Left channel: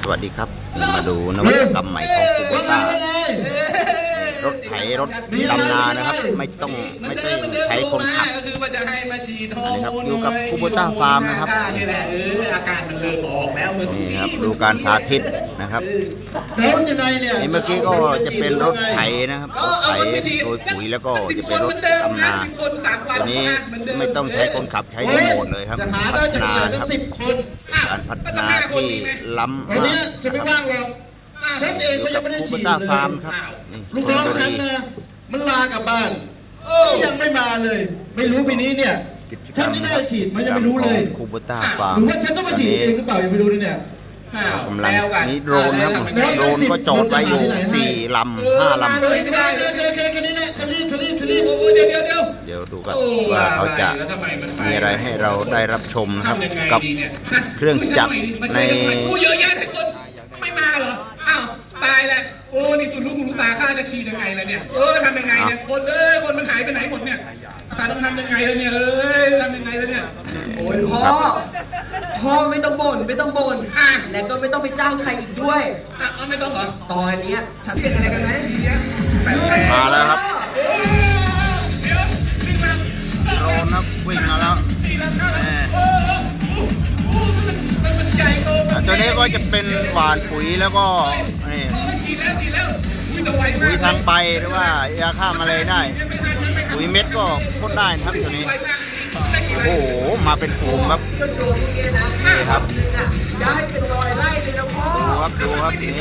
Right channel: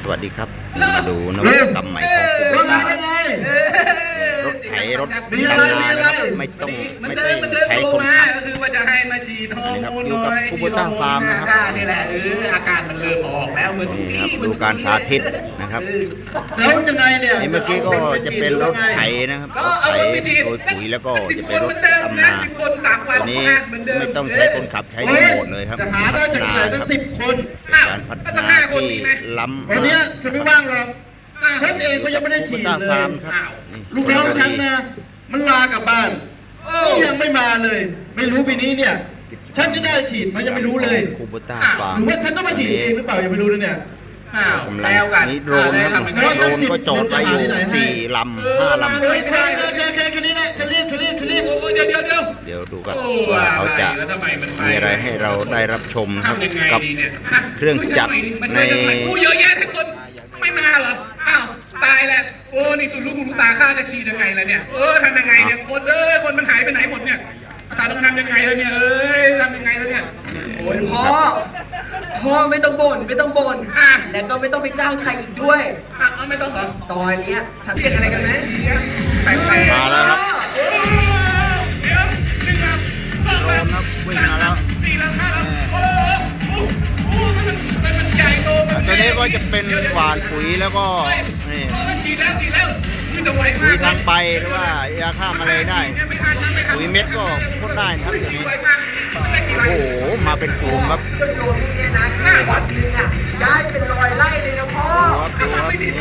สวัสดีครับ มาดูนวัตกรรมใหม่ของคูโบต้าว่าไงรถไถรถดำนานะครับ ไม่ต้องไม่ต้องใช้คนขับก็คือว่าจะให้มาฉีดฮอร์โมนอันนี้ครับอยู่กับคูโบต้าฟาร์มนะครับนี่แหละเอออาการมันเริ่มออกแล้วเมื่อนี่กี้ครับดูการสาธิตนะครับแล้วยังไงเนี่ยนี่เมื่อกี้ก็จะเป็นรถไถนะครับรถไถโรยปุ๋ยแล้วก็จะเป็นรถดำนาคนสามวันตัวนี้ไม่ต้องใช้คนขับใช้รีโมทเลยครับจะหาพัได้ฒจากนาไหนคตั้รับงสิบคนเป็นการพัฒนาที่ล้ำวันมาเนี้ยกจะไม่ว่างหรอกฉันเองก็ยังไม่ได้คูโบฉีดต้าเลฟาร์มยครับนี่ลูกน้องฉันนะ มันลากลับบ้านนี่ยังไม่มาเลย ไม่รู้ปีนี้เนี่ยฉันจะได้ฉีดไหมันยังไม่รู้เลยคูโบต้าฟาร์หมรือว่าฉันต้องไปฉีดเองหรือเปล่ายังไม่รู้นะเนี่ยอ้าวกำลังแล้วกันนี่โดรนครับแล้วโดรนก็จอดไว้อยู่สี่ลำห้าลำเฮ้ยโอเคโอเคโอเคแค่นี้นะฉันรีบฉันรีบฉันรีบโอ้ยเดี๋ยวเดี๋ยวเดี๋ยวเดี๋ยวดูกันโอ้ว่าเขาจะแล้วทำไมมันปมีอะไรให้เราได้รับชมนะครับทำยังไงกับดีนี่ยเครื่องจักรช่วยฉัหอยดิมาช่วยฉัหอยในโอ้ เยอะแยะทุกคนไม่มาเหรอ อ้าว ตายแล้วโอ้ นี่สุดลูกหูลูกตาข้าจะฉีดยังไงล่ะเนี่ย เออทำยังไงเนี่ย คนเอ้ย คนมันหายไปไหนหมดเนี่ยตาต้องทำยังไงแล้วเนี่ย เอ้ยทำยังไงแล้วเนี่ย โอ้ยพ่อ พ่อไม่ต้องบ่นไม่ต้องบ่นอะ และก็ไม่ต้องไปจ้างใครอีกด้วย อะเอาไม่ต้องเหรอตอนเนี้ยฉันเรียกอะไรกันนะแต่งแต่งมาแล้วครับเดี๋ยวขึ้นมาโดรนครับวิ่งมาแล้ว ตีละห้าแน่โตัวนี้ก็จะเป็นหวานปุ๋ยแล้วก็นี่ปุ๋ยทางใบหรือว่ายาฆ่าแมลงได้ ปุ๋ยเม็ดก็พ่นได้นะครับตัวนี้ โอ้โห มาเป็นฝูงครับนี่ครับย้ายเป็นรอยไล่เลยนะพ่อดูครับดูครับนี่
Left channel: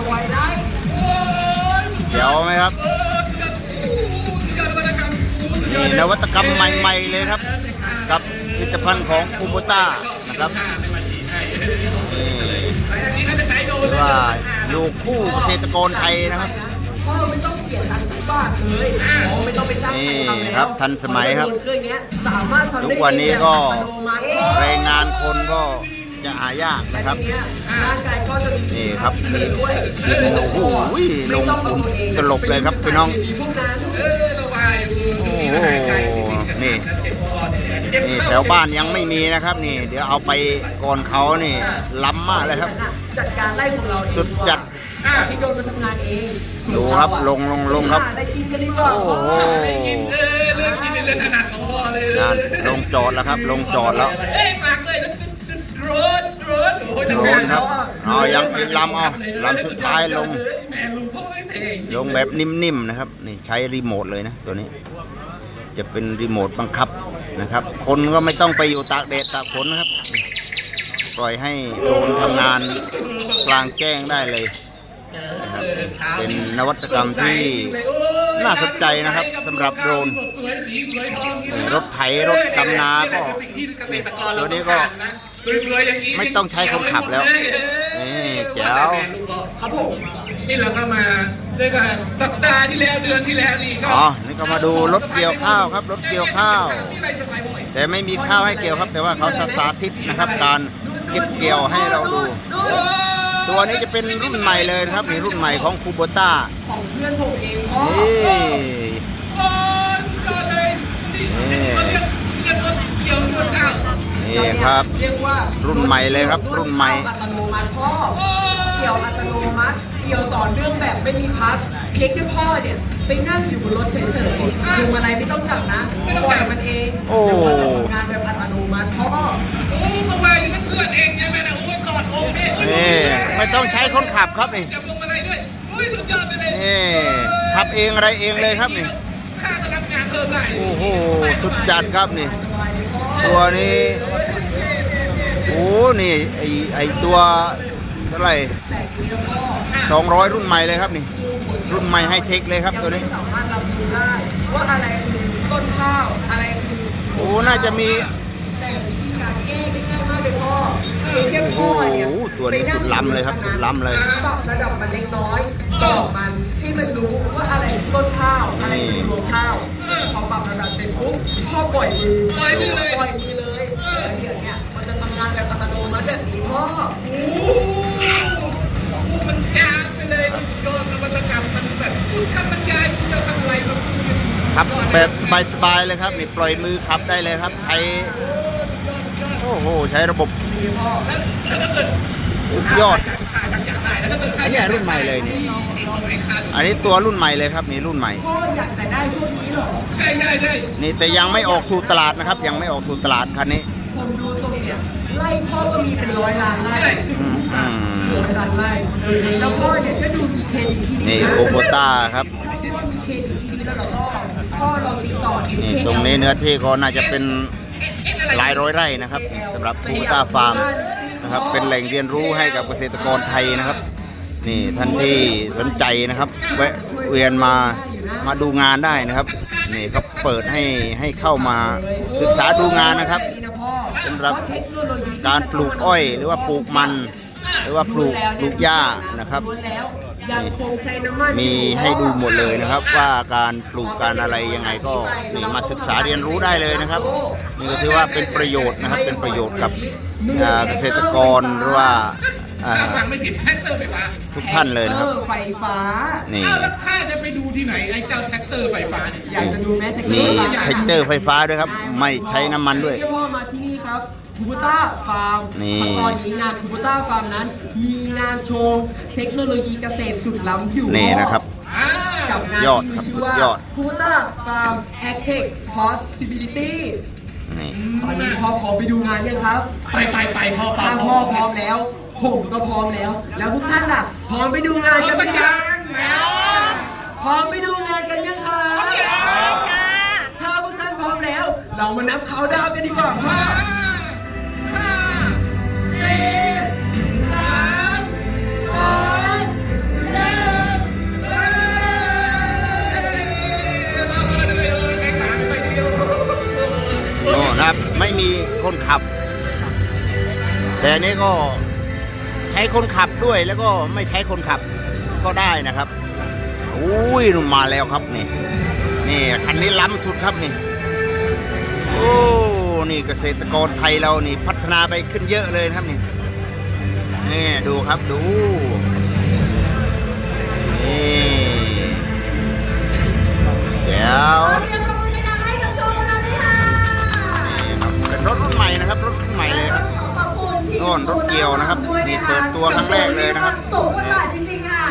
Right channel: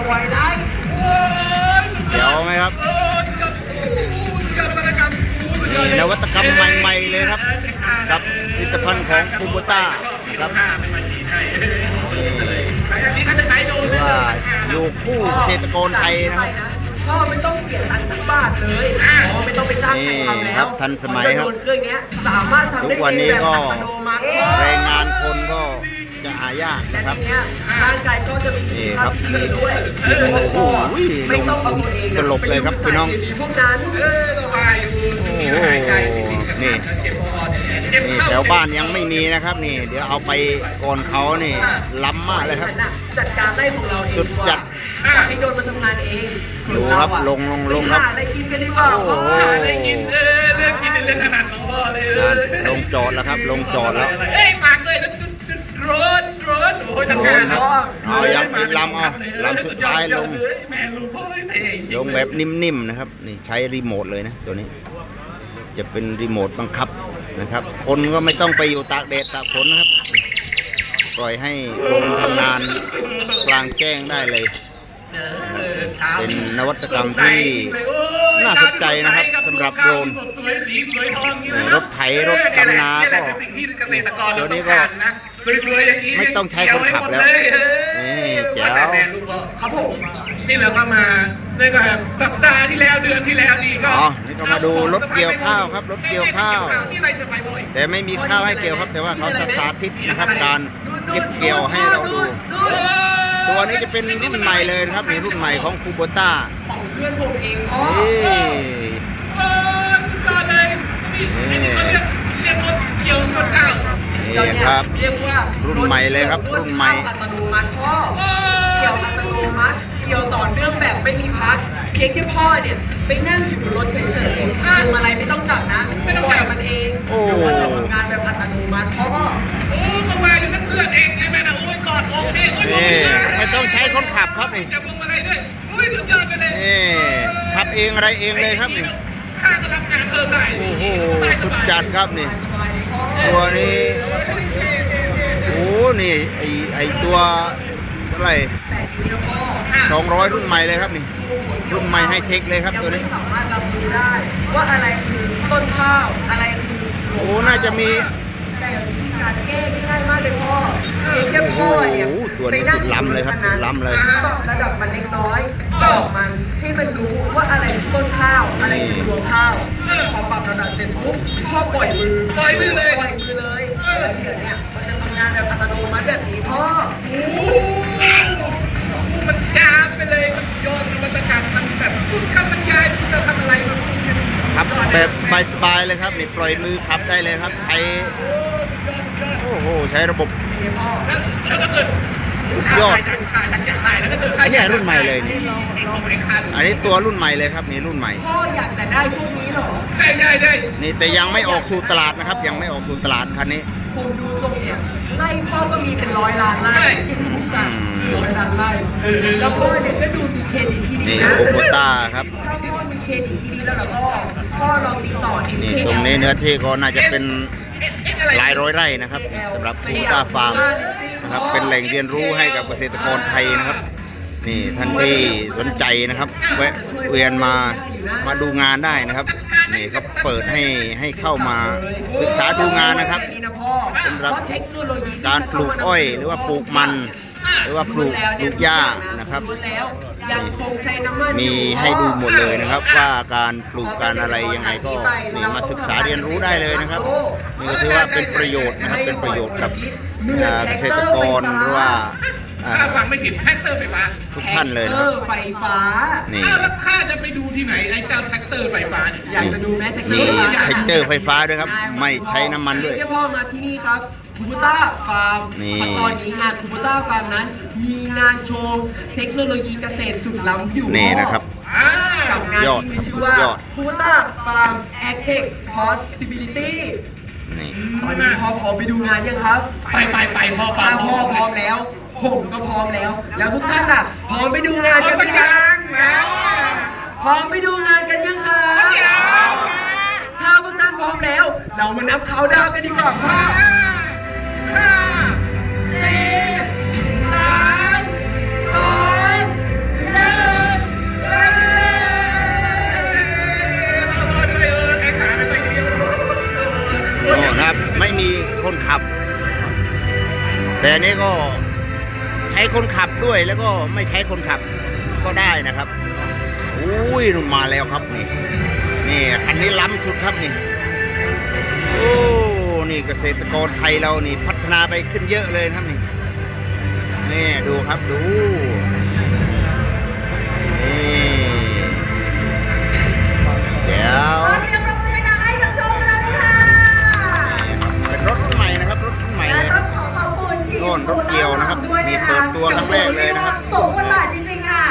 รอยไล่เดี๋ยวไหมครับนี่นวัตกรรมใหม่ ๆ เลยครับ กับผลิตภัณฑ์ของคูโบต้านะครับ หรือว่าอยู่คู่เกษตรกรไทยนะครับพ่อไม่ต้องเสียตังค์สักบาทเลยพ่อไม่ต้องไปจ้างใครทำนี่แล้วครับทันสมัยครับเครื่องเนี้ยสามารถทำทุได้กวันนี้ก็เองแบบอัตโนมัติพ่อแรงงานคนก็จะหายากนะครับเนี้ยร่างกายก็จะมีนี่ครับมีด้วยโอ้โหลงทุนสลบเลยครับพี่น้องพวกนั้นโอ้โหนี่นี่แถวบ้านยังไม่มีนะครับ นี่ เดี๋ยวเอาไปก่อนเขานี่ล้ำมากเลยครับ จัดการไล่พวกเราเองสุดจัดให้โดนมาทำงานเองดูครับลงลงลงครับหาอะไรกินกันดีกว่าโอ้โหได้ยินเออเรื่องนี้เป็นเรื่องถนัดของพ่อเลยนั่นลงจอดแล้วครับ ลงจอดแล้วเฮ้ยฝากด้วยนะโดรนโดรนโอ้โหโดรนครับเอายังอีกลำเอาลำสุดท้ายลงแม่ลูกพ่อเท่จริลงแบบนิ่มๆนะครับนี่ใช้รีโมทเลยนะตัวนี้ จะเป็นรีโมทบังคับนะครับ คนก็ไม่ต้องไปอยู่ตากแดดตากฝนนะครับ ปล่อยให้โดรนทำงานกลางแจ้งได้เลยนะครับเป็นนวัตกรรมที่น่าสนใจนะครับสำหรับโดรนสวยสีสวยทองนี่รถไถรถดำนาก็สิ่งที่เกษตรกรตัวนี้เราก็ต้องการนะสวยๆอย่างนี้ไม่ต้องใช้คนขับแล้วนี่แจ๋วครับผมนี่เราก็มาได้กับสัปดาห์ที่แล้วเดือนที่แล้วนี่ก็อ๋อนี่ก็มาดูรถเกี่ยวข้าวครับรถเกี่ยวข้าวนี่อะไรสบายบ่อยแต่ไม่มีข้าวให้เกี่ยวครับ แต่ว่าเขาจะสาธิตนะครับการ เก็บเกี่ยวให้เราดู ตัวนี้จะเป็นรุ่นใหม่เลยนะครับนี่รุ่นใหม่ของคูโบต้าของเพื่อนผมเองพ่อนี่ก่อนก่อนเลยนี่นี่เขาเรียกเรียกรถเกี่ยวรถข้าวนี่ครับเรียกว่ารุ่นใหม่เลยครับรุ่นใหม่อัตโนมัติพ่อเกี่ยวอัตโนมัติเกี่ยวต่อเนื่องแบบไม่มีพักเพียงแค่พ่อเนี่ยไปนั่งอยู่บนรถเฉยๆทำอะไรไม่ต้องจับนะปล่อยมันเองโอ้เดี๋ยวมันจะทำงานแบบอัตโน ไม่ต้องใช้คนขับครับนี่จับลงมาอะไรด้วยโอ้ยสุดยอดไปเลยนี่ขับเองอะไรเองเลยครับนี่ข้าก็ทำงานเพิ่มได้โอ้โหสุดจัดครับนี่ ตัวนี้โอ้นี่ไอไอตัวเท่าไหร่สองร้อยรุ่นใหม่เลยครับนี่ รุ่นใหม่ไฮเทคเลยครับตัวนี้สามารถรับรู้ได้ว่าอะไรคือต้นข้าวอะไรคือโอ้น่าจะมี ตัวนี้สุดล้ำเลยครับสุดล้ำเลยปรับระดับมันเล็กน้อยบอกมันให้มันรู้ว่าอะไรคือต้นข้าวอะไรคือรวงข้าวพอปรับระดับเสร็จปุ๊บพ่อปล่อยมือปล่อยมือเลยปล่อยมือเลยแล้วเดี๋ยวเนี่ยมันจะทำงานแบบอัตโนมัติแบบนี้พ่อมันจ้าบไปเลยมันยอดนวัตกรรมมันแบบพูดคำบรรยายพูดจะทำอะไรมันครับแบบสบายๆเลยครับนี่ปล่อยมือขับได้เลยครับใช้โอ้โห ใช้ระบบแล้วถ้าเกิด สุดยอดขาชักจะตายแล้วก็เกิดอันนี้รุ่นใหม่เลยนี่ไอ้ของไอ้ขาดอันนี้ตัวรุ่นใหม่เลยครับนี่รุ่นใหม่พ่ออยากจะได้พวกนี้เหรอได้ได้ได้นี่แต่ยังไม่ออกสู่ตลาดนะครับ ยังไม่ออกสู่ตลาดคันนี้ผมดูตรงเนี่ยไล่พ่อก็มีเป็นร้อยล้านไร่ใช่อืมอืมร้อยล้านไร่แล้วพ่อเนี่ยก็ดูมีเครดิตที่ดีนี่นะโคโบต้าครับถ้าพ่อมีเครดิตที่ดีแล้วเราก็พ่อลองติดต่อที่นี่ตรงนี้เนื้อที่ก็น่าจะเป็น หลายร้อยไร่นะครับสำหรับคูต้าฟาร์มนะครับเป็นแหล่งเรียนรู้ให้กับเกษตรกรไทยนะครับ นี่ท่านที่สนใจนะครับแวะเวียนมามาดูงานได้นะครับนี่เขาเปิดให้ให้เข้ามาศึกษาดูงานนะครับสำหรับการปลูกอ้อยหรือว่าปลูกมัน หรือว่าปลูกปลูกหญ้านะครับน้ำมันมีให้ดูหมดเลยนะครับว่าการปลูกการอะไรยังไงก็นี่มาศึกษาเรียนรู้ได้เลยนะครับ นี่ก็ถือว่าเป็นประโยชน์นะครับเป็นประโยชน์กับอ่าเกษตรกรหรือว่าอ่าถ้าฟังไม่ผิดแท็กเตอร์ไฟฟ้าทุกท่านเลยนะครับแท็กตอไฟฟ้านี่อ้าวแล้วข้าจะไปดูที่ไหนไอ้เจ้าแท็กเตอร์ไฟฟ้าเนี่ยอยากจะดูไหมแท็กเตอมีร์ไฟฟ้าแท็กเตอร์ไฟฟ้าด้วยครับ ไม่ใช้น้ำมันด้วยเดี๋พ่อมาที่นี่ครับคูบูต้าฟาร์มนี่ตอนนี้งานคูบูต้าฟาร์มนั้น มีงานโชว์เทคโนโลยีเกษตรสุดล้ำอยู่นี่นะครับอ่ากับงานยอดที่มีชื่อครับว่าสุดยอดคูบูต้าฟาร์มแอคเทคพอสซิบิลิตี้ นี่ตอนนี้พ่อพร้อมไปดูงานยังครับไปไปไปพ่อพ่อถ้าพ่อพร้อมแล้ว ผมก็พร้อมแล้ว แล้วพวกท่านล่ะ พร้อมไปดูงานเอากันไปไหมคยัรับงแล้วพร้อมไปดูงานกันยังครับถ้าพวกท่านพร้อมแล้ว เรามานับเขาน์ดาวน์กันดีกว่าครับ แต่นี้ก็ใช้คนขับด้วยแล้วก็ไม่ใช้คนขับก็ได้นะครับอุ้ยมาแล้วครับนี่ นี่คันนี้ล้ำสุดครับนี่ โอ้นี่เกษตรกรไทยเรานี่พัฒนาไปขึ้นเยอะเลยครับนี่นี่ดูครับดูนี่ คุณทีมโน่นรถเกี่ยวนะครับนี่เปิดตัวครั้งแรกเลยนะครับสูงกว่าจริงๆค่ะ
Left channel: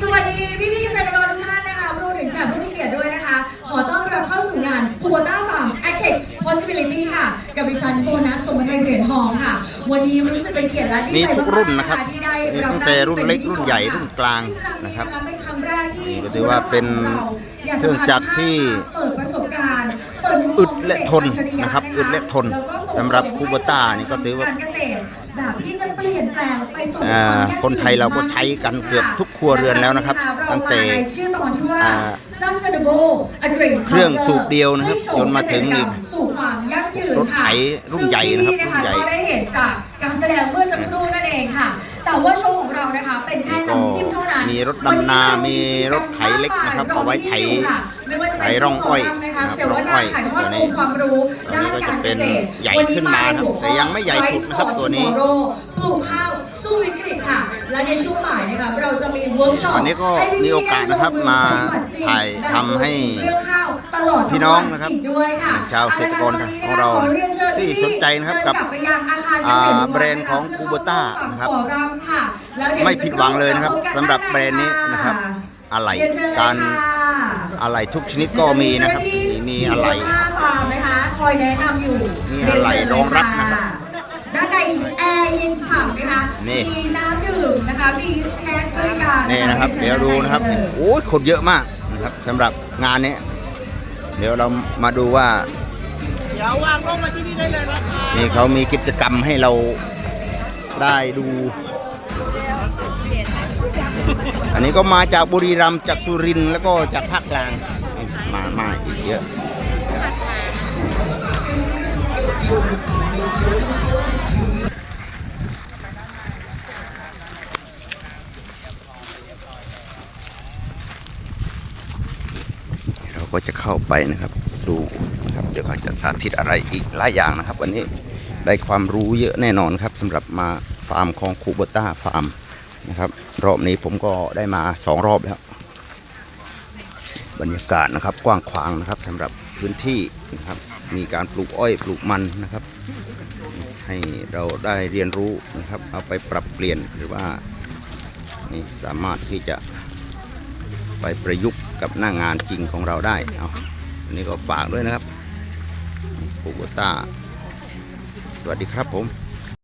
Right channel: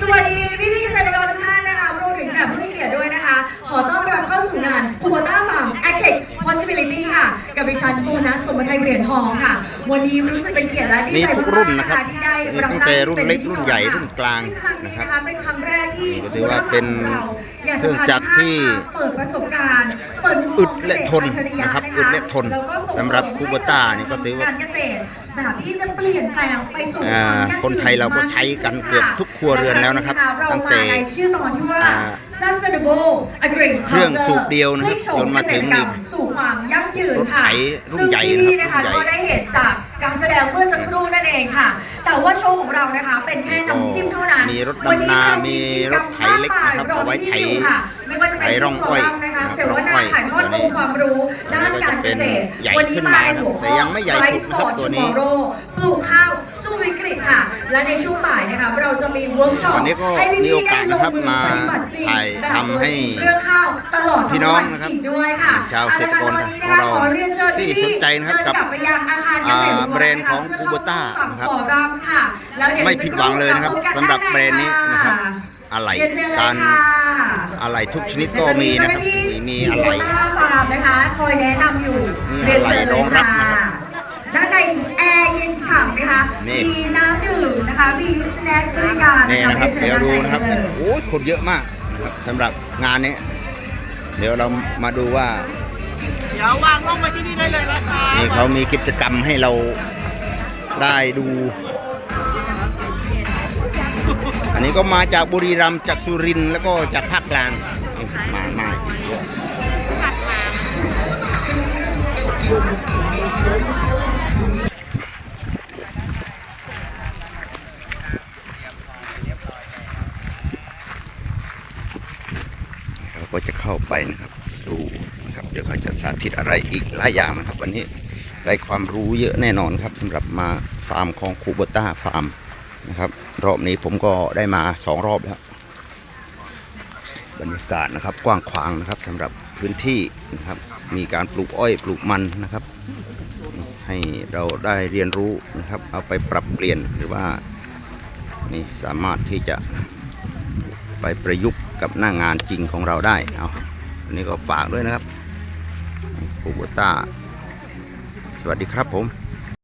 สวัสดีพี่ๆเกษตรกรทุกท่านนะคะรวมถึงแขกผู้มีเกียรติด้วยนะคะ ขอต้อนรับเข้าสู่งาน c u b o t a Farm Active Possibility ค่ะ กับดิฉันโบนัสสมบัติไทยเหรียญทองค่ะ วันนี้รู้สึกเป็นเกียรติและดีใจทุกรุ่นนะครับมากๆที่ได้รับตั้งแต่รุ่นเล็กรุ่นใหญ่รุ่นกลางนะครับเป็นครั้งแรกที่นี่ก็ถือว่าเป็น อยากเครื่องจักรที่เปิดประสบการณ์เปิดมุมมอึองดและทนนะครับเกษตอึดและทนแล้วก็ส่งเสริมสำหรับคูโบต้านี่ก็ถือว่าการเกษตรแบบที่จะเปลี่ยนแปลงไปสู่อ่าความยั่งยืคนไทยเราก็ใช้กันเกือบทุกครัวเรือนแล้วนะครับเราตั้งแต่มาในชื่อตอนที่ว่าอ่า sustainable agriculture เครื่องสูบเดียวนะครับให้โฉจนมาถึงเกษตรกรรสู่ความยั่งยืนรถไถค่ะรุ่นใหญ่นะครับซึ่งพี่ๆนะคะรุ่นใหญ่ก็ได้เห็นจากการแสดงเมื่อสักครู่นั่นเองค่ะ แต่ว่าโชว์ของเรานะคะ เป็นแค่น้ำจิ้มเท่านั้นมีรถวันนี้ดำนาเรามีกิจกรรรถมไถเล็กนะครับมากมายเอาไว้ไถรอพี่ๆอยู่ค่ะ ไม่ว่าจะเป็นไถร่องอ้อยชุดฟร์มนะคะนะครับเสวนาร่องอ้อยถ่ายทอดตัวนี้องค์ความรู้ด้านตัวนี้ก็การจะเกเป็นษตรใหญ่วันนี้ขึ้นมาในหัวข้อแต่ยังไม่ใหญ่สุดนะครับ Rice for ตัวนี้ Tomorrow ปลูกข้าวสู้วิกฤตค่ะ และในช่วงบ่ายนะคะเราจะมีเวิร์กช็อปวันนี้ก็ให้พี่มีโอกาสนะครับได้ลงอมาปฏิบัติจริงถ่ายแบบทำให้เรื่องข้าวตลอดทั้พี่น้องวันะครับอีกด้วยค่ะชาวเกษตรกรของเราขอเรียนเชิญที่พี่สนใจนะครับกับเดิลัไปยังอาคารเกษตรอ่าแบรนด์ของ Kubota นะครับขอรำค่ะแล้วเดี๋ยวไม่ผิดหวังเลยนะครับสำหรับแบรนด์นี้นะครับอะไหล่เยนเชิญเลยการค่ะ อะไรทุกชนิดก็มีนะครับ มีมีอะไรฟาร์มนะคะ คอยแนะนำอยู่มีอะไรรองรับนะครับด้านในแอร์เย็นฉ่ำนะคะ นี่ มีน้ำดื่มนะคะ มีสแน็คด้วยกันนี่นะครับชิญเดี๋ยวดูนะครับเลยโอ้ยคนเยอะมากนะครับสำหรับงานนี้เดี๋ยวเรามาดูว่า เดี๋ยววางลงมาที่นี่ได้เลยนะคะนี่เขามีกิจกรรมให้เราได้ดู อันนี้ก็มาจากบุรีรัมย์จากสุรินทร์แล้วก็จากภาคกลางมามาอีกเยอะเราก็จะเข้าไปนะครับดูนะครับเดี๋ยวเขาจะสาธิตอะไรอีกหลายอย่างนะครับ วันนี้ได้ความรู้เยอะแน่นอนครับสำหรับมาฟาร์มของคูโบต้าฟาร์มนะครับ รอบนี้ผมก็ได้มาสองรอบแล้ว บรรยากาศนะครับกว้างขวางนะครับสำหรับพื้นที่นะครับ มีการปลูกอ้อยปลูกมันนะครับ ให้เราได้เรียนรู้นะครับ เอาไปปรับเปลี่ยนหรือว่านี่สามารถที่จะไปประยุกต์กับหน้างานจริงของเราได้เอาอันนี้ก็ฝากด้วยนะครับปูโบต้าสวัสดีครับผม